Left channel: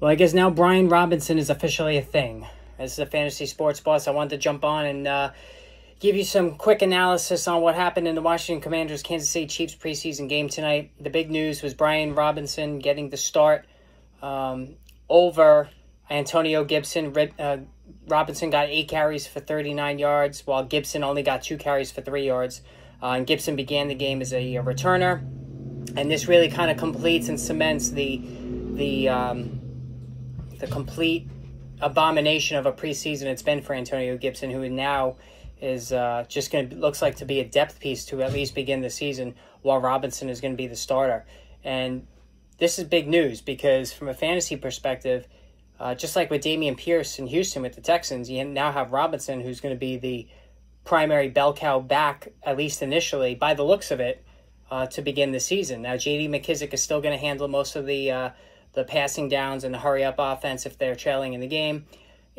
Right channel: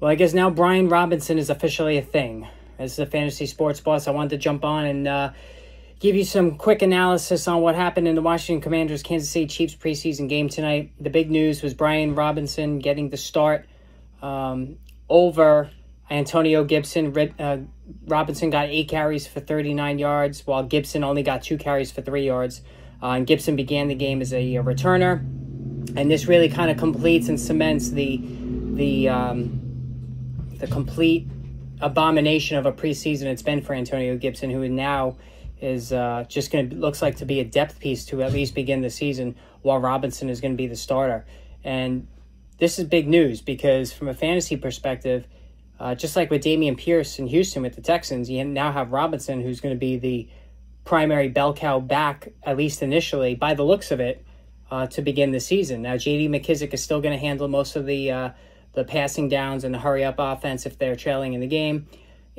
Well, I guess now Brian Robinson is officially a thing. This is a Fantasy Sports Boss. I wanted to jump on and give you some quick analysis on what happened in the Washington Commanders Kansas City Chiefs preseason game tonight. The big news was Brian Robinson getting the start over Antonio Gibson. Robinson got 8 carries for 39 yards, while Gibson only got 2 carries for 3 yards. And Gibson began the game as a returner, and this really kind of completes and cements the complete abomination of a preseason it's been for Antonio Gibson, who now is just going to looks like to be a depth piece to at least begin the season, while Robinson is going to be the starter. And this is big news because from a fantasy perspective, just like with Dameon Pierce in Houston with the Texans, you now have Robinson, who's going to be the primary bell cow back, at least initially, by the looks of it, to begin the season. Now, J.D. McKissic is still going to handle most of the passing downs and the hurry-up offense if they're trailing in the game.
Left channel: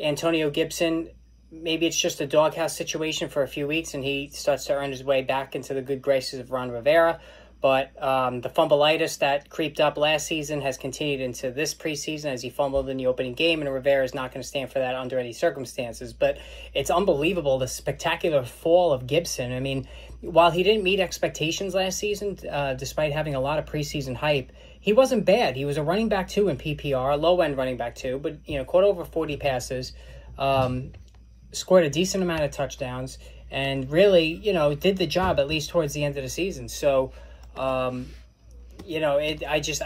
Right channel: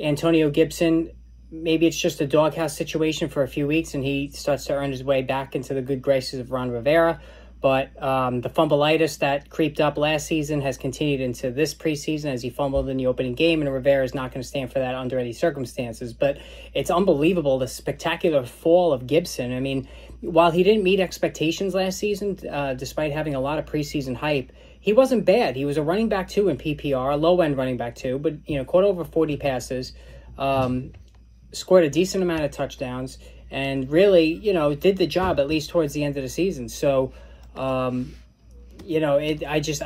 Antonio Gibson, maybe it's just a doghouse situation for a few weeks and he starts to earn his way back into the good graces of Ron Rivera. But the fumbleitis that creeped up last season has continued into this preseason as he fumbled in the opening game, and Rivera is not going to stand for that under any circumstances. But it's unbelievable, the spectacular fall of Gibson. I mean, while he didn't meet expectations last season, despite having a lot of preseason hype, he wasn't bad. He was a running back 2 in PPR, a low-end running back 2, but, caught over 40 passes, scored a decent amount of touchdowns, and really, did the job at least towards the end of the season. So, I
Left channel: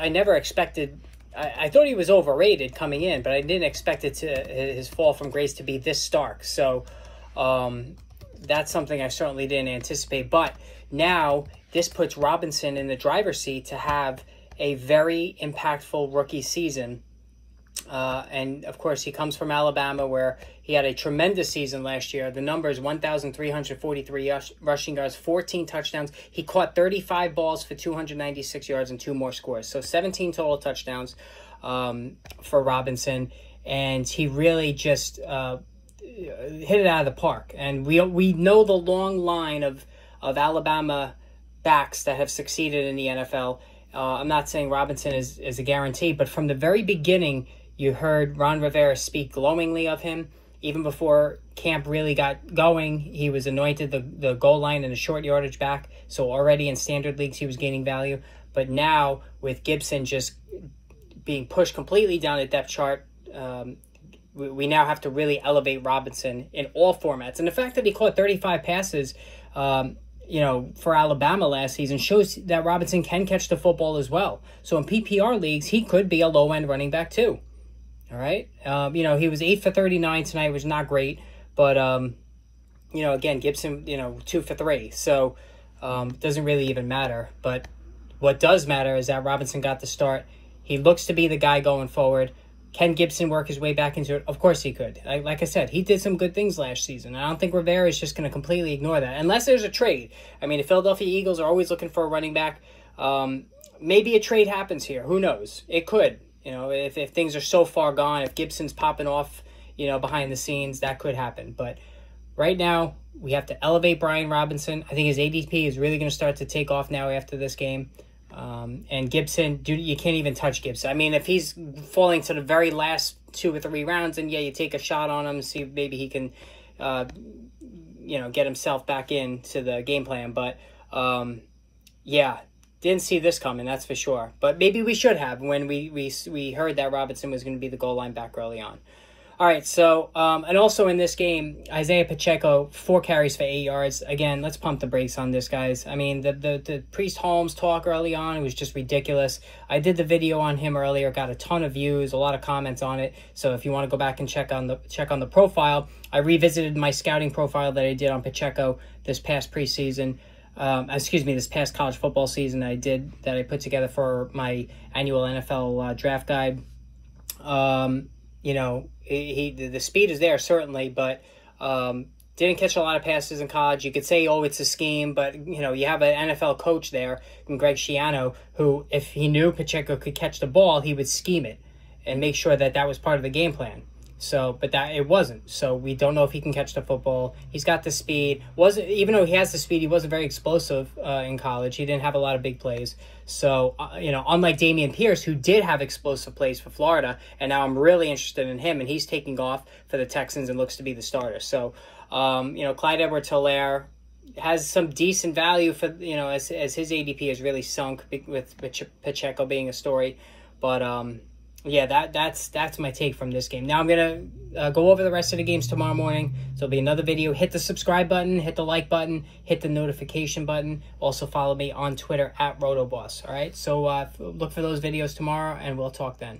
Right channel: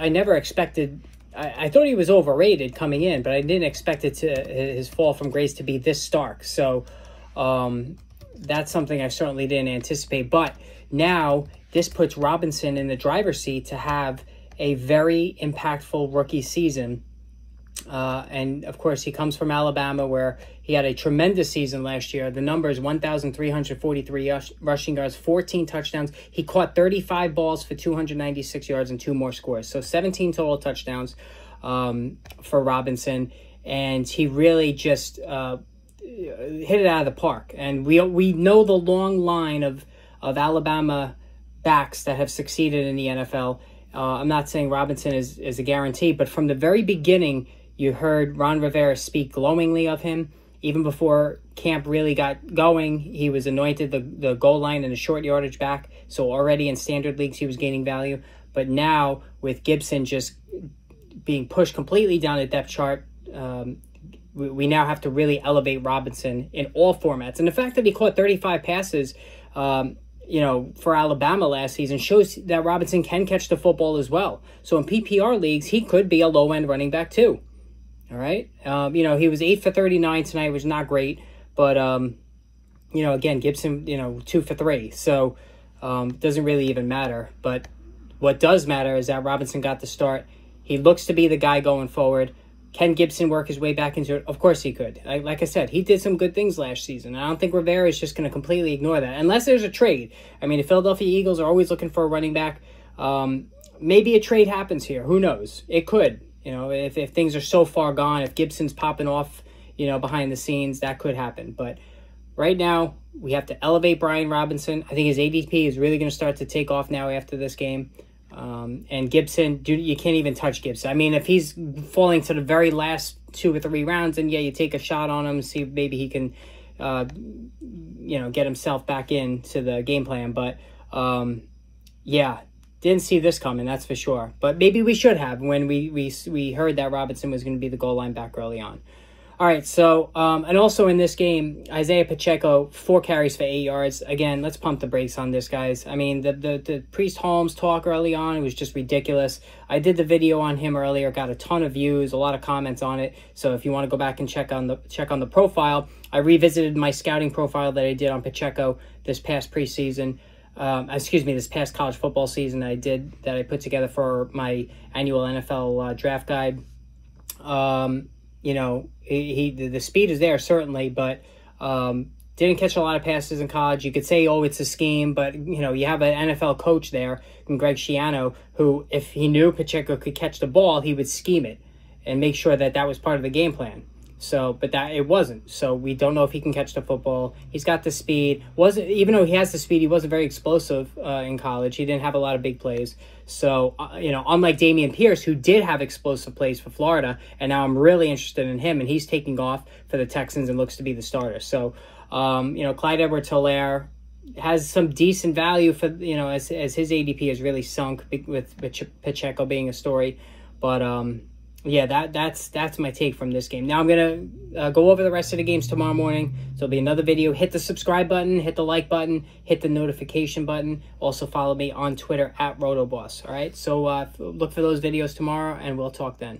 never expected, I thought he was overrated coming in, but I didn't expect his fall from grace to be this stark. So, that's something I certainly didn't anticipate. But now this puts Robinson in the driver's seat to have a very impactful rookie season. And, of course, he comes from Alabama, where he had a tremendous season last year. The numbers, 1,343 rushing yards, 14 touchdowns. He caught 35 balls for 296 yards and 2 more scores. So 17 total touchdowns for Robinson. And he really just hit it out of the park. And we know the long line of Alabama backs that have succeeded in the NFL. I'm not saying Robinson is a guarantee, but from the very beginning, you heard Ron Rivera speak glowingly of him. Even before camp really got going, he was anointed the goal line and the short yardage back. So already in standard leagues, he was gaining value. But now, with Gibson just being pushed completely down the depth chart, we now have to really elevate Robinson in all formats. And the fact that he caught 35 passes, for Alabama last season shows that Robinson can catch the football as well. So in PPR leagues, he could be a low-end running back too. All right. He was 8 for 39 tonight, which is not great. But, again, Gibson, 2 for 3. So it doesn't really even matter. But what does matter is that Robinson got the start. He looks to be the guy going forward. Can Gibson work his way back into it? Of course he could. Like I said, he did some good things last season. I don't think Rivera is just going to completely ignore that, unless there's a trade. I mean, the Philadelphia Eagles are always looking for a running back. Maybe a trade happens here. Who knows? It could. If things are so far gone, if Gibson's popping off, behind the scenes, that could happen. But right now, we have to elevate Brian Robinson. I think his ADP is really going to start to take off now after this game. And Gibson, you can't even touch Gibson. I mean, if he's falling to the very last 2 or 3 rounds, then yeah, you take a shot on him, see if maybe he can, get himself back into the game plan. But, yeah, didn't see this coming, that's for sure. But maybe we should have when we heard that Robinson was going to be the goal line back early on. All right, so, and also in this game, Isaiah Pacheco, 4 carries for 8 yards. Again, let's pump the brakes on this, guys. I mean, the Priest Holmes talk early on was just ridiculous. I did the video on him earlier, got a ton of views, a lot of comments on it. So if you want to go back and check on the profile, I revisited my scouting profile that I did on Pacheco this past preseason. This past college football season that I put together for my annual NFL draft guide. The speed is there, certainly, but didn't catch a lot of passes in college. You could say, oh, it's a scheme, but, you have an NFL coach there, Greg Schiano, who, if he knew Pacheco could catch the ball, he would scheme it and make sure that was part of the game plan. So, but that it wasn't. So we don't know if he can catch the football. He's got the speed. Even though he has the speed, he wasn't very explosive in college. He didn't have a lot of big plays. So, you know, unlike Dameon Pierce, who did have explosive plays for Florida, and now I'm really interested in him, and he's taking off for the Texans and looks to be the starter. So, you know, Clyde Edwards-Helaire has some decent value for, you know, as his ADP has really sunk with Pacheco being a story. But, yeah, that's my take from this game. Now I'm going to go over the rest of the games tomorrow morning. So there'll be another video. Hit the subscribe button, hit the like button, hit the notification button. Also follow me on Twitter @RotoBoss. All right, so look for those videos tomorrow, and we'll talk then.